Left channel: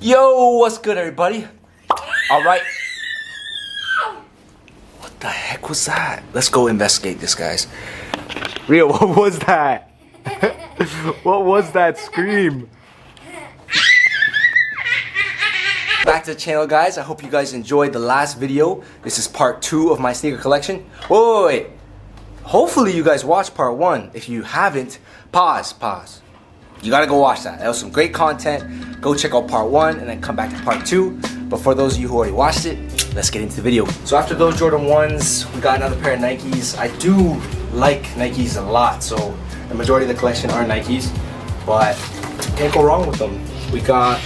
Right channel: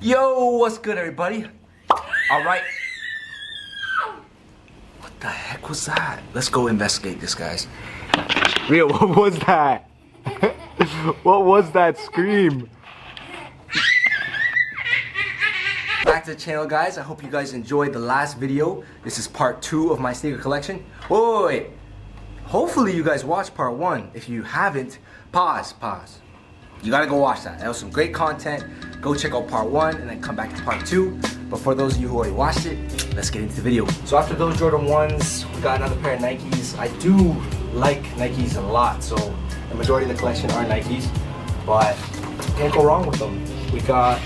Yo, what's good, everybody? All right. What the heck was that? Let's go investigate this, guys. Rio, what was that? What was that scream? Back to the channel, guys. I hope you guys enjoyed the last video. This is part 2 of my sneaker collection. Wait. Hopefully you guys watched part 1. If you haven't, pause. You gotta go watch that. That was some great content. Go check out part 1 and then come back to part 2. But for those of you who already watched it, let's get into the video. So after those Jordan 1s, we got another pair of Nikes. I do like Nikes a lot, so the majority of the collection are Nikes, but can't go wrong with them. We got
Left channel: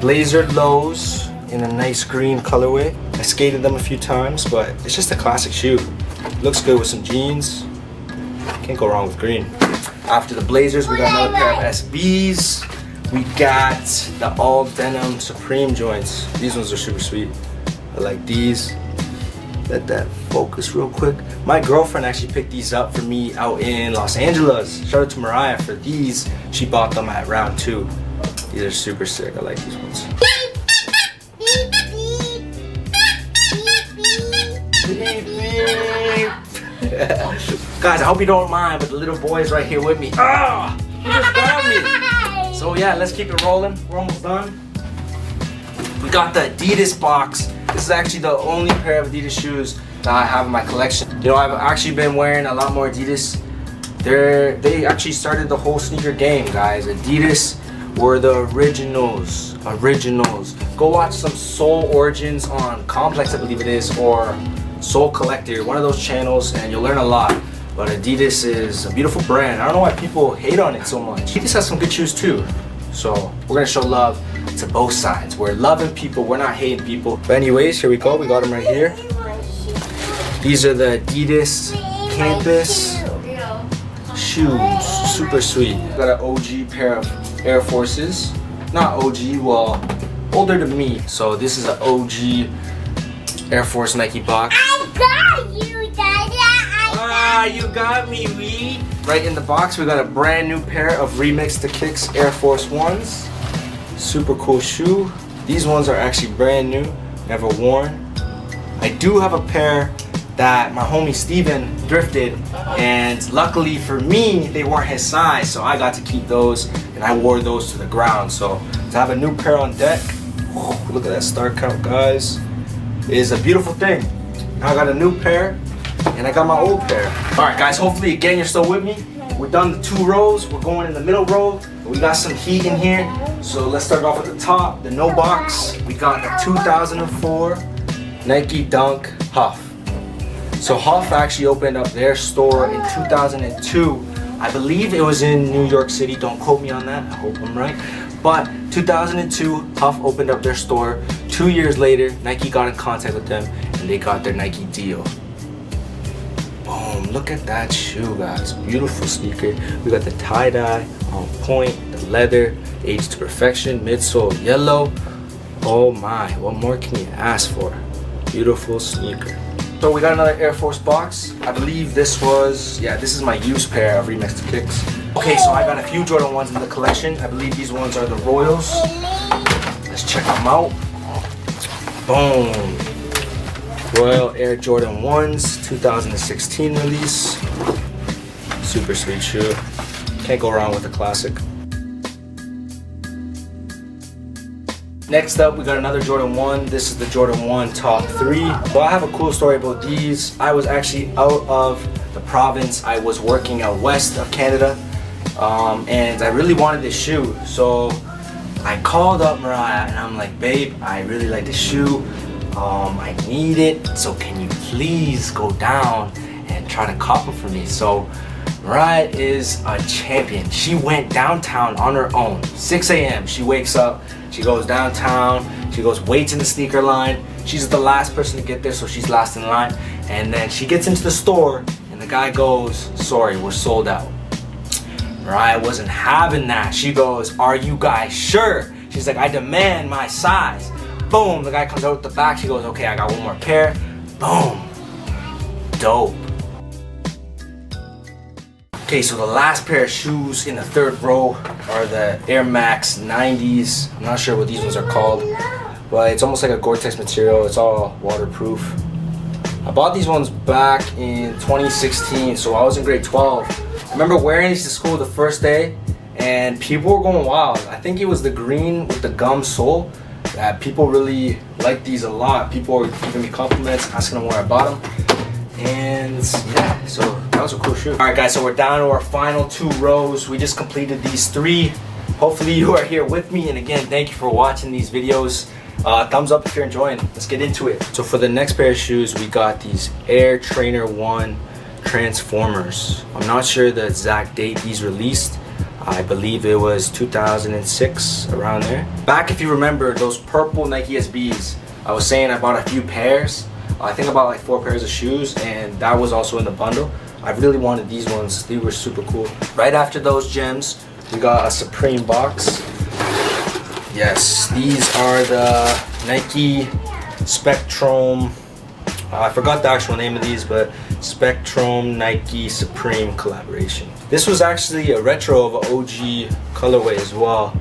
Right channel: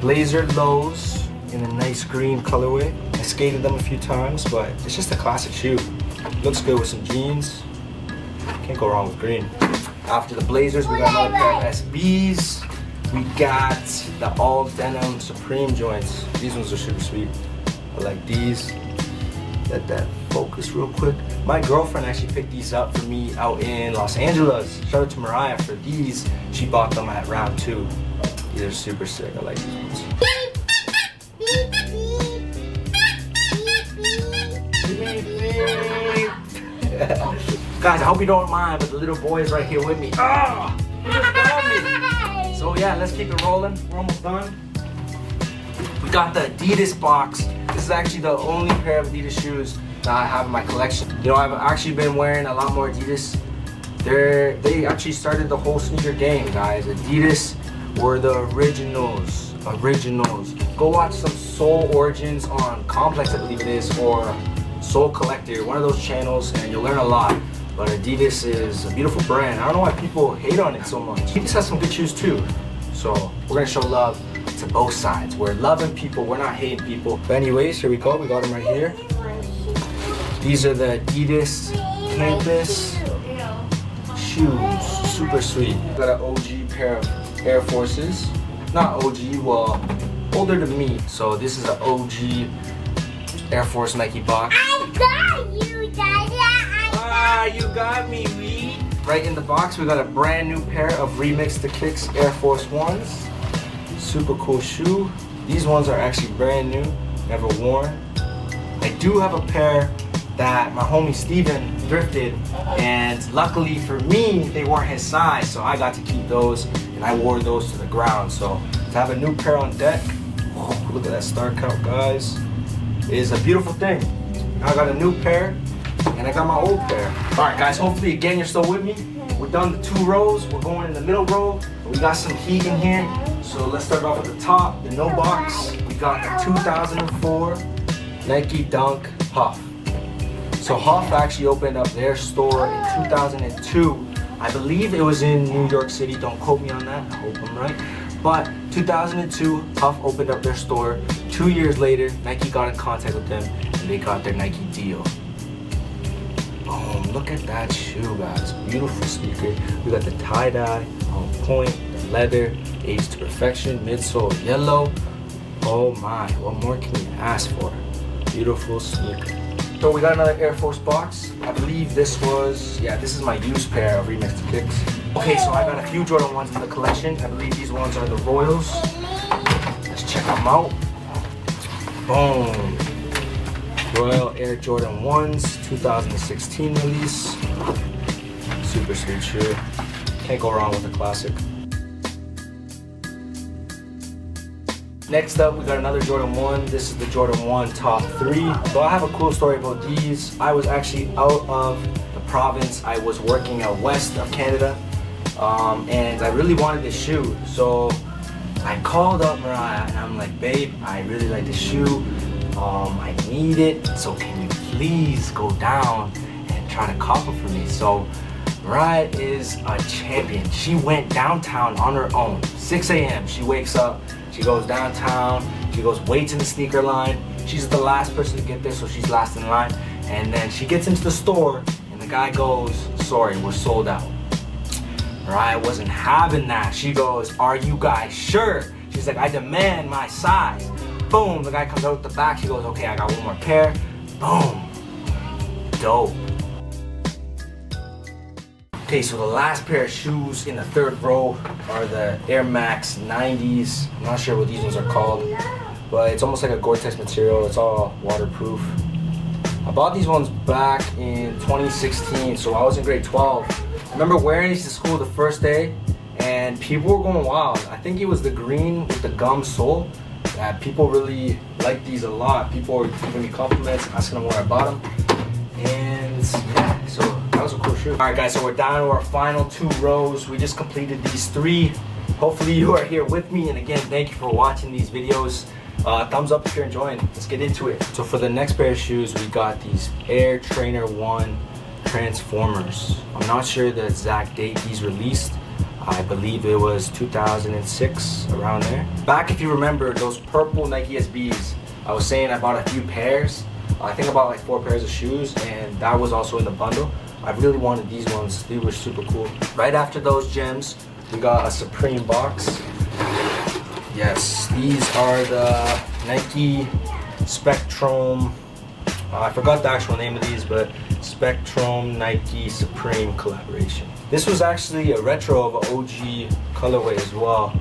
Blazer lows in a nice green colorway. I skated them a few times, but it's just a classic shoe. Looks good with some jeans. Can't go wrong with green. After the Blazers, we got another pair of SBs. We got the all denim Supreme joints. These ones are super sweet. I like these. Let that focus real quick. My girlfriend actually picked these up for me out in Los Angeles. Shout out to Mariah for these. She bought them at round 2. These are super sick. I like these ones. Guys, I hope you don't mind, but the little boy is right here with me. He just grabbed me. So yeah, let's keep it rolling. We're almost done. We got the Adidas box. This is actually the only pair of Adidas shoes that I have in my collection. You know, I've actually been wearing a lot more Adidas. They actually started the whole sneaker game, guys. Adidas were the originals. Go watch some Soul Origins on Complex, I believe it is, or Soul Collector, one of those channels, and you'll learn a lot. But Adidas is a beautiful brand. I don't know why people hate on it so much. Adidas has some good shoes too. So we're gonna show love to both sides. We're loving people, we're not hating people. But anyways, here we go. We got them right here. These are the Adidas Campus shoes. Super sweet. Got an OG pair of Air Forces. Not OG, well, older than me. So this is an OG Air Force Nike box. I got you, Daddy. You got me, Wee. Right in the box, we got a brand new pair of Remix the Kicks Air Force Ones. Super cool shoe. These ones are actually brand new, never worn. I do have a pair that my homie Steven thrifted, and luckily for me, they weren't his size, so I got to keep those, and I wore those to the ground. So to have a new pair on deck, look at that star count, guys. It is a beautiful thing. Now I got a new pair, and I got my old pair. All right, guys, hopefully, again, you're still with me. We're done the 2 rows. We're going in the middle row. We got some heat in here. So let's start off at the top, the no box. We got a 2004 Nike Dunk Huff. So Huff actually opened up their store in 2002. I believe it was in New York City. Don't quote me on that. I hope I'm right. But 2002, Huff opened up their store. 2 years later, Nike got in contact with them, and they got their Nike deal. Look at that shoe, guys. Beautiful sneaker. We got the tie-dye on point, the leather, aged to perfection, midsole yellow. Oh my, what more can you ask for? Beautiful sneaker. So we got another Air Force box. I believe this was, this is my used pair of Remix the Kicks. Okay, so I got a few Jordan 1s in the collection. I believe these ones are the Royals. Let's check them out. Boom. Royal Air Jordan 1s, 2016 release. Super sweet shoe. Can't go wrong with a classic. Next up, we got another Jordan 1. This is the Jordan 1 top 3. Well, I have a cool story about these. I was actually out of the province. I was working out west of Canada, and I really wanted this shoe. So I called up Mariah, and I'm like, babe, I really like this shoe. I need it, so can you please go down and try to cop it for me? So Mariah is a champion. She went downtown on her own. 6 a.m. She wakes up, she goes downtown, she goes waits in the sneaker line. She's the last person to get there, so she's last in line. And then she gets into the store, and the guy goes, sorry, we're sold out. Mariah wasn't having that. She goes, are you guys sure? She's like, I demand my size. Boom, the guy comes out the back. She goes, okay, I got one more pair. Boom. Dope. Okay, so the last pair of shoes in the third row are the Air Max 90s. I'm not sure what these ones are called, but it's almost like a Gore-Tex material. It's all waterproof. I bought these ones back in 2016, so I was in grade 12. I remember wearing these to school the first day, and people were going wild. I think it was the green with the gum sole. People really liked these a lot. People were giving me compliments, asking them where I bought them. And yeah, so that was a cool shoe. All right, guys, so we're down to our final 2 rows. We just completed these 3. Hopefully you are here with me. And again, thank you for watching these videos. Thumbs up if you're enjoying. Let's get into it. So for the next pair of shoes, we got these Air Trainer 1 Transformers. I'm not sure the exact date these released. I believe it was 2006, around there. Back, if you remember, those purple Nike SBs, I was saying I bought a few pairs. I think about like 4 pairs of shoes, and that was also in the bundle. I really wanted these ones. They were super cool. Right after those gems, we got a Supreme box. Yes, these are the Nike Spectrum. I forgot the actual name of these, but Spectrum Nike Supreme collaboration. This was actually a retro of an OG colorway as well.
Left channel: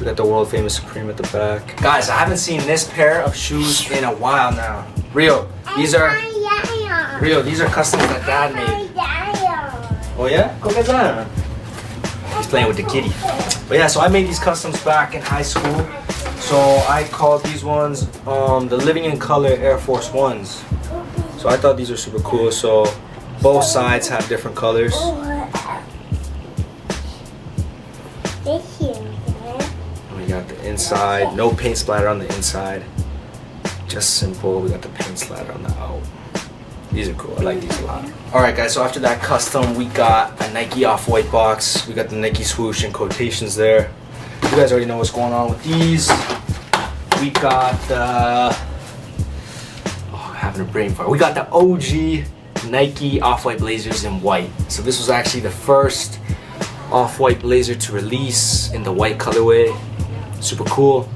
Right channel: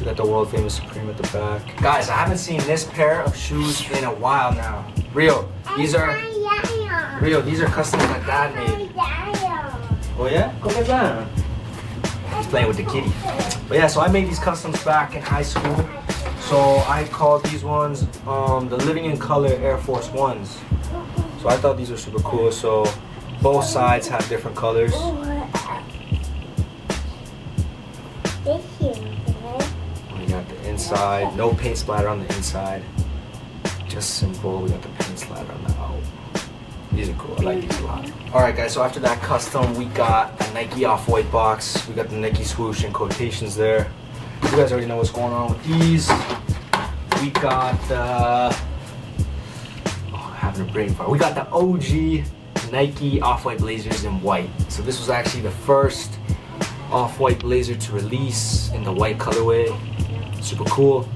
We got the world famous Supreme at the back. Guys, I haven't seen this pair of shoes in a while now. Real, these are customs that Dad made. Oh yeah? Go get that. He's playing with the kitty. But yeah, so I made these customs back in high school. So I called these ones the Living in Color Air Force Ones. So I thought these were super cool. So both sides have different colors. We got the inside, no paint splatter on the inside. Just simple. We got the paint splatter on the out. These are cool. I like these a lot. Alright guys, so after that custom, we got a Nike Off-White box. We got the Nike swoosh and quotations there. You guys already know what's going on with these. We got the... Oh, I'm having a brain fart. We got the OG Nike Off-White blazers in white. So this was actually the first Off-White blazer to release in the white colorway. Super cool.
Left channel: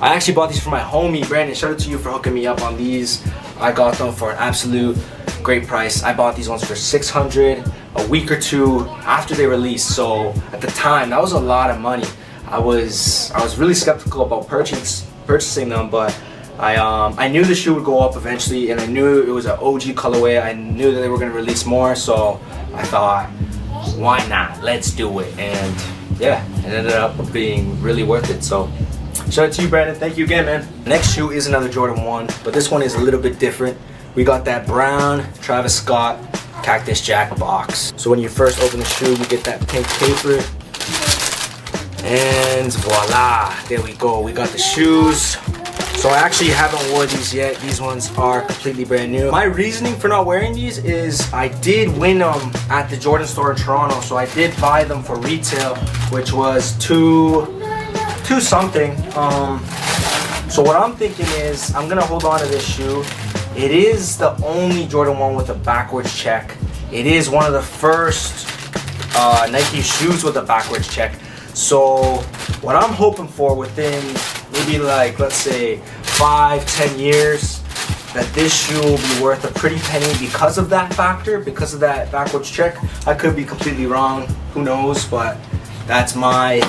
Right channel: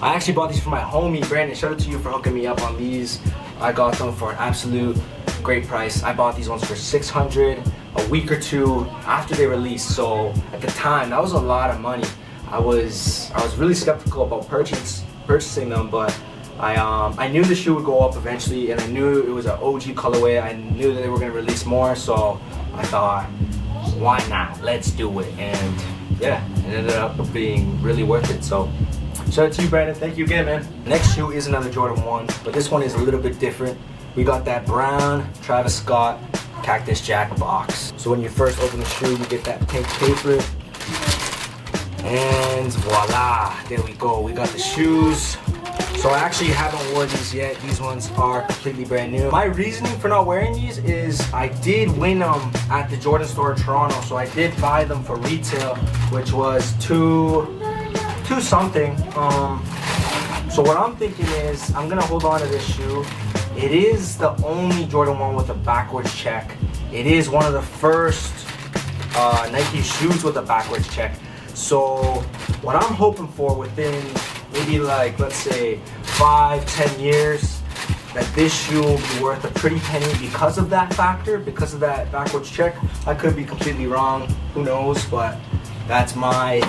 I actually bought these for my homie Brandon. Shout out to you for hooking me up on these. I got them for an absolute great price. I bought these ones for $600 a week or 2 after they released. So at the time, that was a lot of money. I was really skeptical about purchasing them, but I knew the shoe would go up eventually, and I knew it was an OG colorway. I knew that they were gonna release more, so I thought, why not? Let's do it. And yeah, it ended up being really worth it. So shout out to you, Brandon. Thank you again, man. Next shoe is another Jordan 1, but this one is a little bit different. We got that brown Travis Scott Cactus Jack box. So when you first open the shoe, you get that pink paper. And voila, there we go. We got the shoes. So I actually haven't worn these yet. These ones are completely brand new. My reasoning for not wearing these is I did win them at the Jordan store in Toronto. So I did buy them for retail, which was two something. So what I'm thinking is I'm gonna hold on to this shoe. It is the only Jordan 1 with a backwards check. It is one of the first Nike shoes with a backwards check. So what I'm hoping for within maybe like, let's say 5-10 years, that this shoe will be worth a pretty penny because of that factor, because of that backwards check. I could be completely wrong, who knows, but that's my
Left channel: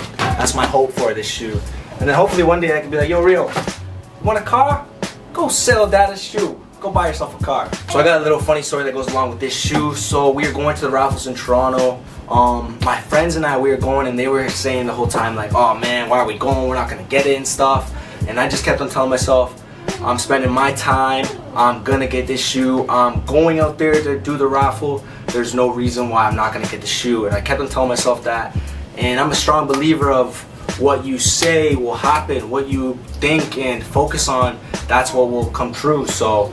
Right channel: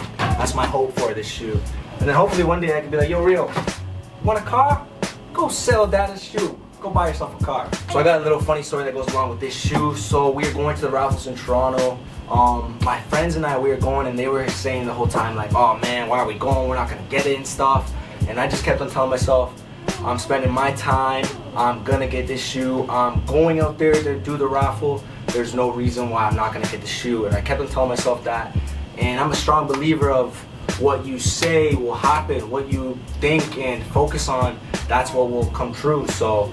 hope for this shoe. And then hopefully one day I can be like, yo, Rio, you want a car? Go sell Dada's shoe. Go buy yourself a car. So I got a little funny story that goes along with this shoe. So we were going to the raffles in Toronto. My friends and I, we were going, and they were saying the whole time like, oh man, why are we going? We're not gonna get it and stuff. And I just kept on telling myself, I'm spending my time. I'm gonna get this shoe. I'm going out there to do the raffle. There's no reason why I'm not gonna get the shoe. And I kept on telling myself that. And I'm a strong believer of what you say will happen, what you think and focus on, that's what will come true. So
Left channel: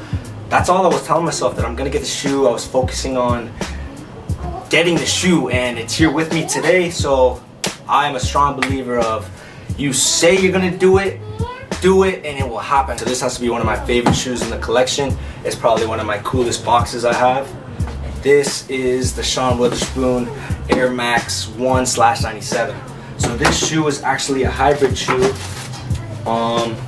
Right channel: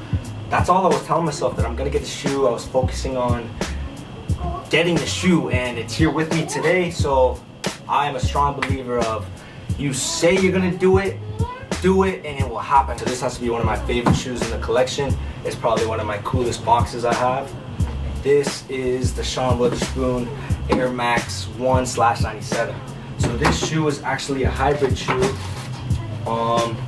that's all I was telling myself, that I'm gonna get the shoe. I was focusing on getting the shoe, and it's here with me today. So I am a strong believer of, you say you're gonna do it, and it will happen. So this has to be one of my favorite shoes in the collection. It's probably one of my coolest boxes I have. This is the Sean Witherspoon Air Max 1/97. So this shoe is actually a hybrid shoe.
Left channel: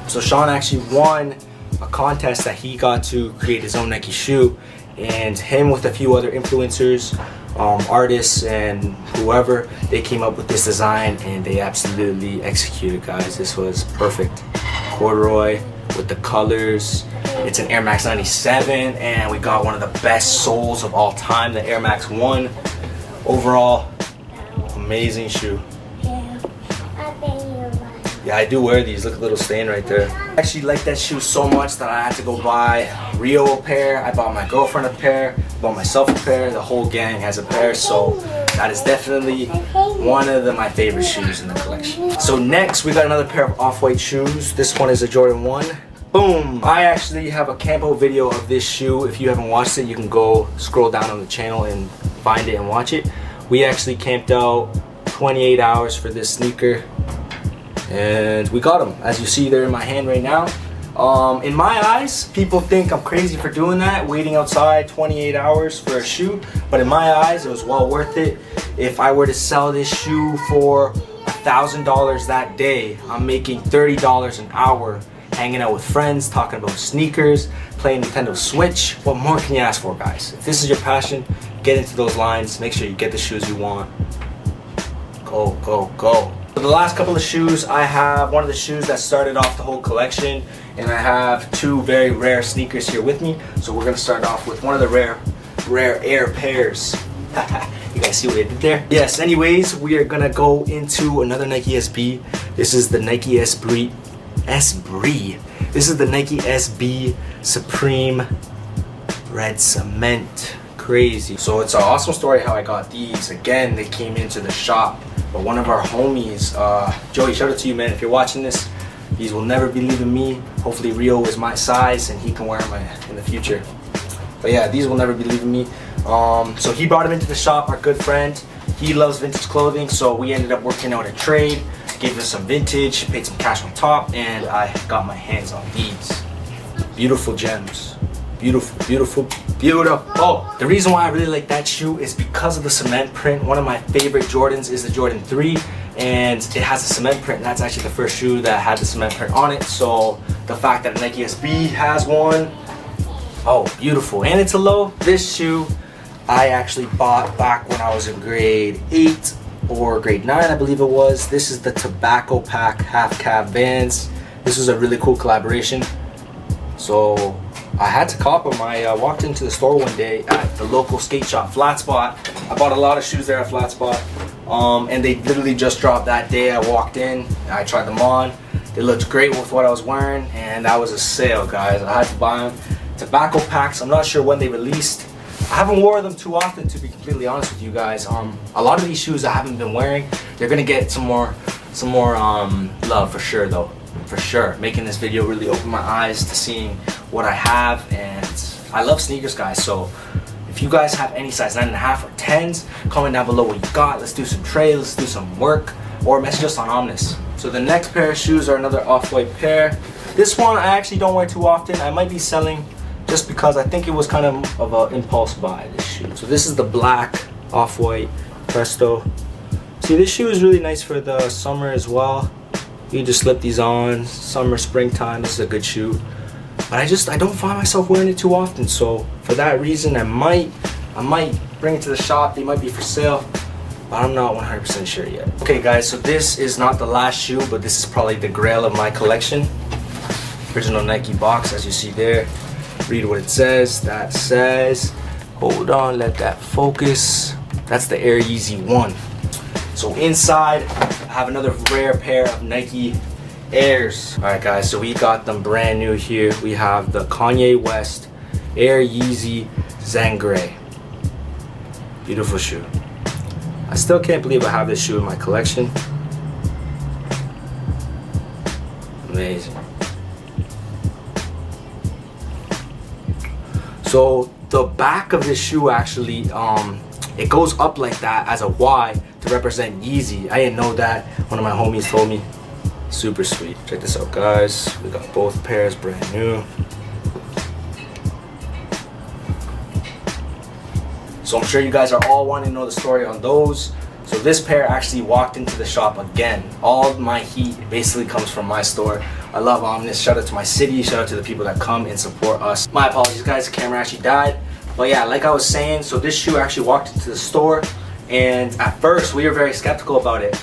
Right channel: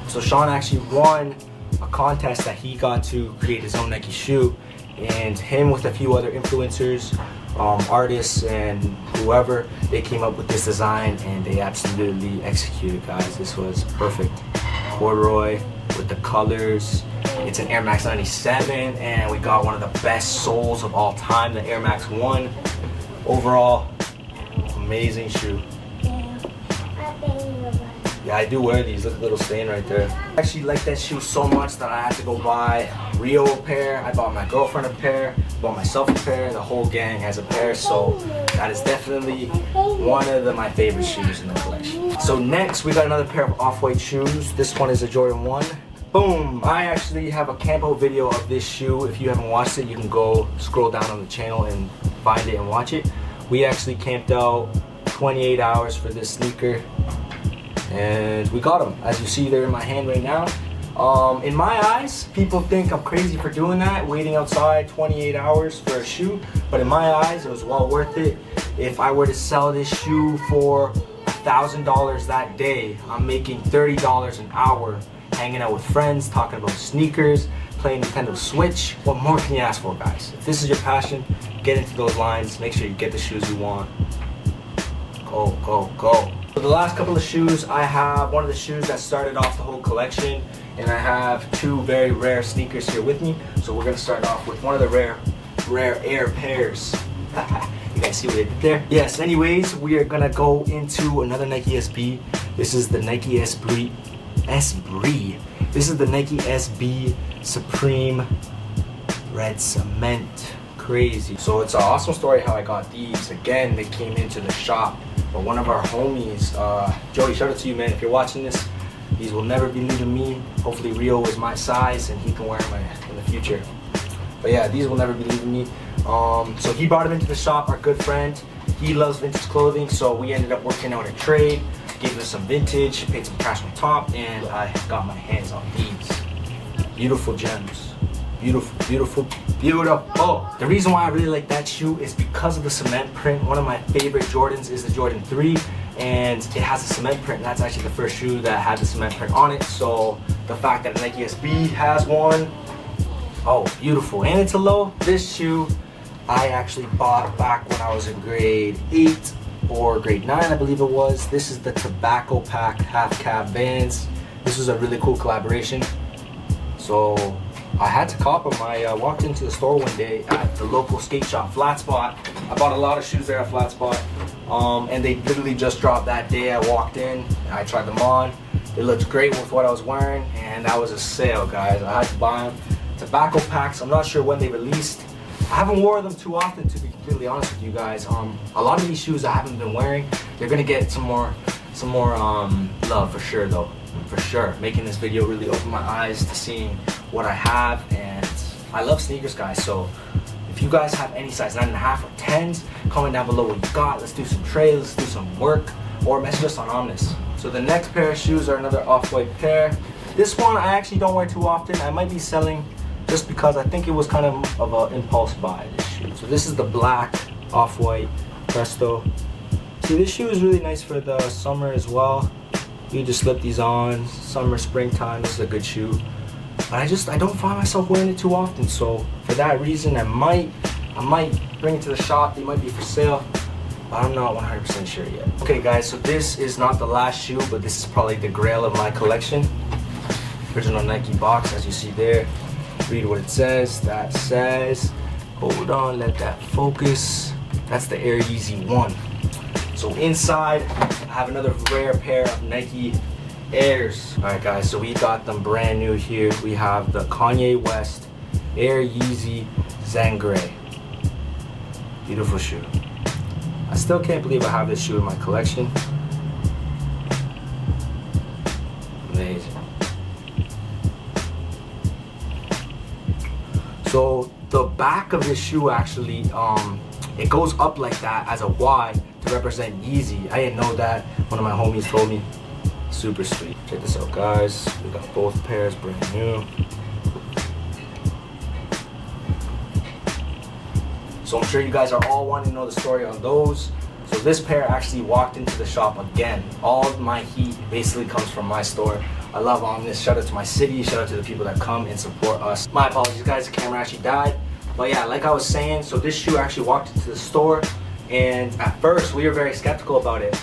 So Sean actually won a contest that he got to create his own Nike shoe, and him with a few other influencers artists and whoever, they came up with this design and they absolutely executed, guys. This was perfect. Corduroy with the colors. It's an Air Max 97 and we got one of the best soles of all time, the Air Max 1. Overall, amazing shoe. Yeah, I do wear these. Look at the little stain right there. I actually like that shoe so much that I had to go buy Rio a pair. I bought my girlfriend a pair, bought myself a pair. The whole gang has a pair, so that is definitely one of my favorite shoes in the collection. So next, we got another pair of off-white shoes. This one is a Jordan 1. Boom! I actually have a campo video of this shoe. If you haven't watched it, you can go scroll down on the channel and find it and watch it. We actually camped out 28 hours for this sneaker. And we got them. As you see, they're in my hand right now. In my eyes, people think I'm crazy for doing that, waiting outside 28 hours for a shoe. But in my eyes, it was well worth it. If I were to sell this shoe for $1,000 that day, I'm making $30 an hour, hanging out with friends, talking about sneakers, playing Nintendo Switch. What more can you ask for, guys? If this is your passion, get into those lines. Make sure you get the shoes you want. Go, go, go. For the last couple of shoes, I have one of the shoes that started off the whole collection, and I have two very rare sneakers here with me. So we're gonna start off with one of the rare Air pairs. You guys see what I did there? Yes, anyways, we are gonna go into another Nike SB. This is the Nike SB. This is the Nike SB Supreme Red Cement. Crazy. So it's an awesome story how I got these. Again, they came into the shop, but one of our homies, Joey, shout out to you, man. If you're watching this, these will never be leaving me. Hopefully Rio was my size and he can wear them in the future. But yeah, these will never be leaving me. So he brought them into the shop, our good friend. He loves vintage clothing, so we ended up working out a trade, gave him some vintage, paid some cash on top, and I got my hands on these. Beautiful gems. Beautiful, beautiful, beautiful. Oh, the reason why I really like that shoe is because of the cement print. One of my favorite Jordans is the Jordan 3, and it has a cement print, and that's actually the first shoe that had the cement print on it. So the fact that Nike SB has one, oh, beautiful. And it's a low. This shoe I actually bought back when I was in grade 8 or grade 9, I believe it was. This is the Tobacco Pack half cab Vans. This is a really cool collaboration. So I had to cop them. I walked into the store one day at the local skate shop, Flat Spot. I bought a lot of shoes there at Flat Spot. And they literally just dropped that day. I walked in, I tried them on. They looked great with what I was wearing, and that was a sale, guys. I had to buy them. Tobacco Packs, I'm not sure when they released. I haven't worn them too often, to be completely honest with you guys. A lot of these shoes I haven't been wearing. They're gonna get some more love for sure, though. For sure. Making this video really opened my eyes to seeing what I have, and I love sneakers, guys. So if you guys have any size 9.5 or 10s, comment down below what you got. Let's do some trade, let's do some work, or message us on OMNES. So the next pair of shoes are another off-white pair. This one I actually don't wear too often. I might be selling just because I think it was kind of an impulse buy, this shoe. So this is the black off-white Presto. See, this shoe is really nice for the summer as well. You can just slip these on, summer, springtime. This is a good shoe. But I don't find myself wearing it too often. So for that reason, I might bring it to the shop. They might be for sale, but I'm not 100% sure yet. Okay, guys, so this is not the last shoe, but this is probably the grail of my collection. Original Nike box, as you see there. Read what it says. That says, hold on, let that focus. That's the Air Yeezy 1. So inside, I have another rare pair of Nike Airs. All right, guys, so we got them brand new here. We have the Kanye West Air Yeezy Sangre. Beautiful shoe. I still can't believe I have this shoe in my collection. Amazing. So the back of this shoe actually, it goes up like that as a Y to represent Yeezy. I didn't know that. One of my homies told me. Super sweet. Check this out, guys. We got both pairs brand new. So I'm sure you guys are all wanting to know the story on those. So this pair actually walked into the shop again. All of my heat basically comes from my store. I love OMNES. Shout out to my city. Shout out to the people that come and support us. My apologies, guys. The camera actually died. But yeah, like I was saying, so this shoe actually walked into the store, and at first we were very skeptical about it.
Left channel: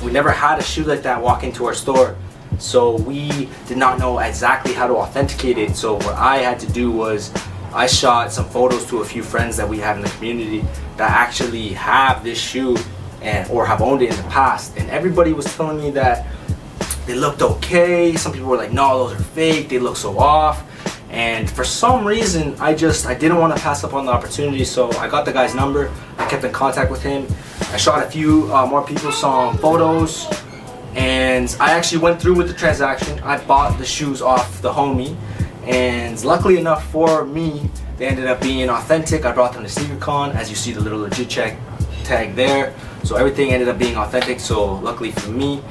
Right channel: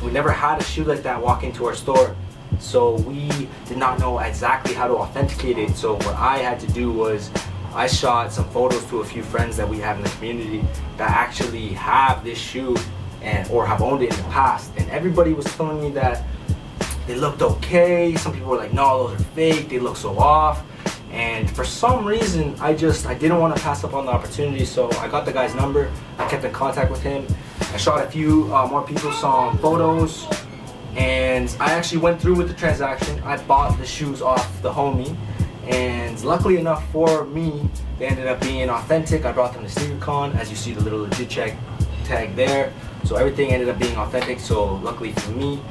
We never had a shoe like that walk into our store, so we did not know exactly how to authenticate it. So what I had to do was I shot some photos to a few friends that we have in the community that actually have this shoe and or have owned it in the past, and everybody was telling me that they looked okay. Some people were like, no, those are fake, they look so off. And for some reason, I didn't want to pass up on the opportunity, so I got the guy's number. I kept in contact with him. I shot a few more people, some photos, and I actually went through with the transaction. I bought the shoes off the homie, and luckily enough for me, they ended up being authentic. I brought them to SneakerCon, as you see the little legit check tag there. So everything ended up being authentic, so luckily for me,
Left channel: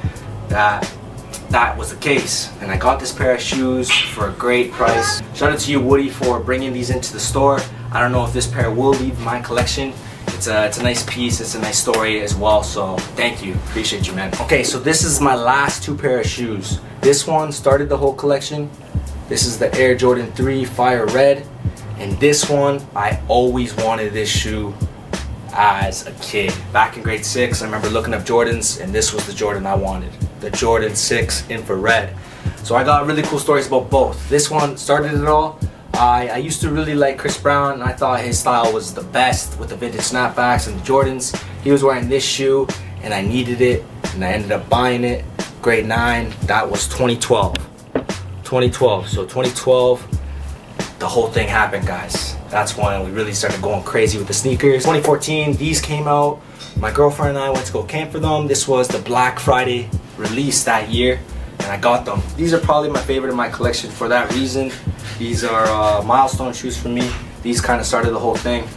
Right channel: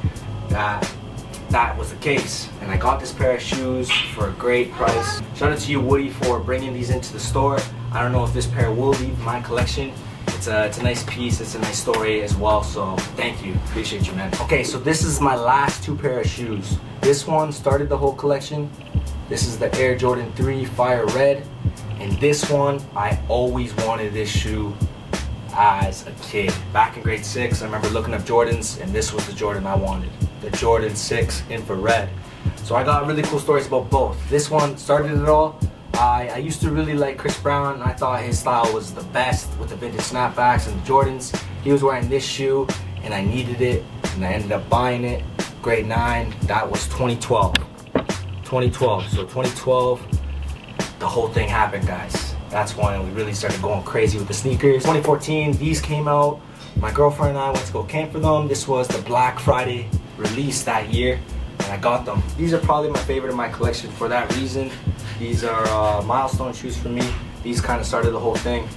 that was the case, and I got this pair of shoes for a great price. Shout out to you, Woody, for bringing these into the store. I don't know if this pair will leave my collection. It's a nice piece, it's a nice story as well, so thank you, appreciate you, man. Okay, so this is my last two pair of shoes. This one started the whole collection. This is the Air Jordan 3 Firered, and this one, I always wanted this shoe as a kid. Back in grade 6, I remember looking up Jordans, and this was the Jordan I wanted, the Jordan 6 Infrared. So I got really cool stories about both. This one started it all. I used to really like Chris Brown. I thought his style was the best with the vintage snapbacks and the Jordans. He was wearing this shoe, and I needed it, and I ended up buying it. Grade 9, that was 2012. 2012, so 2012, the whole thing happened, guys. That's when we really started going crazy with the sneakers. 2014, these came out. My girlfriend and I went to go camp for them. This was the Black Friday release that year, and I got them. These are probably my favorite in my collection for that reason. These are milestone shoes for me. These kind of started the whole thing.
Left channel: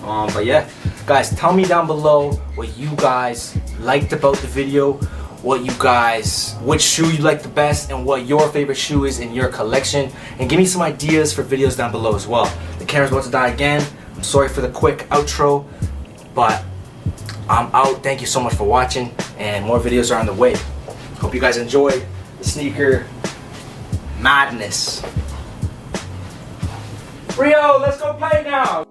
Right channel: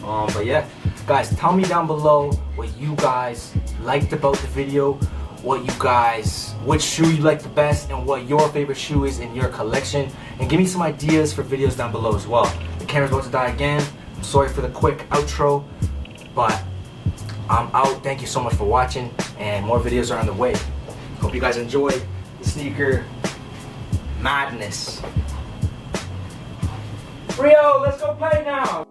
But yeah, guys, tell me down below what you guys liked about the video, which shoe you like the best, and what your favorite shoe is in your collection, and give me some ideas for videos down below as well. The camera's about to die again. I'm sorry for the quick outro, but I'm out. Thank you so much for watching, and more videos are on the way. Hope you guys enjoyed the sneaker madness. Rio, let's go play now.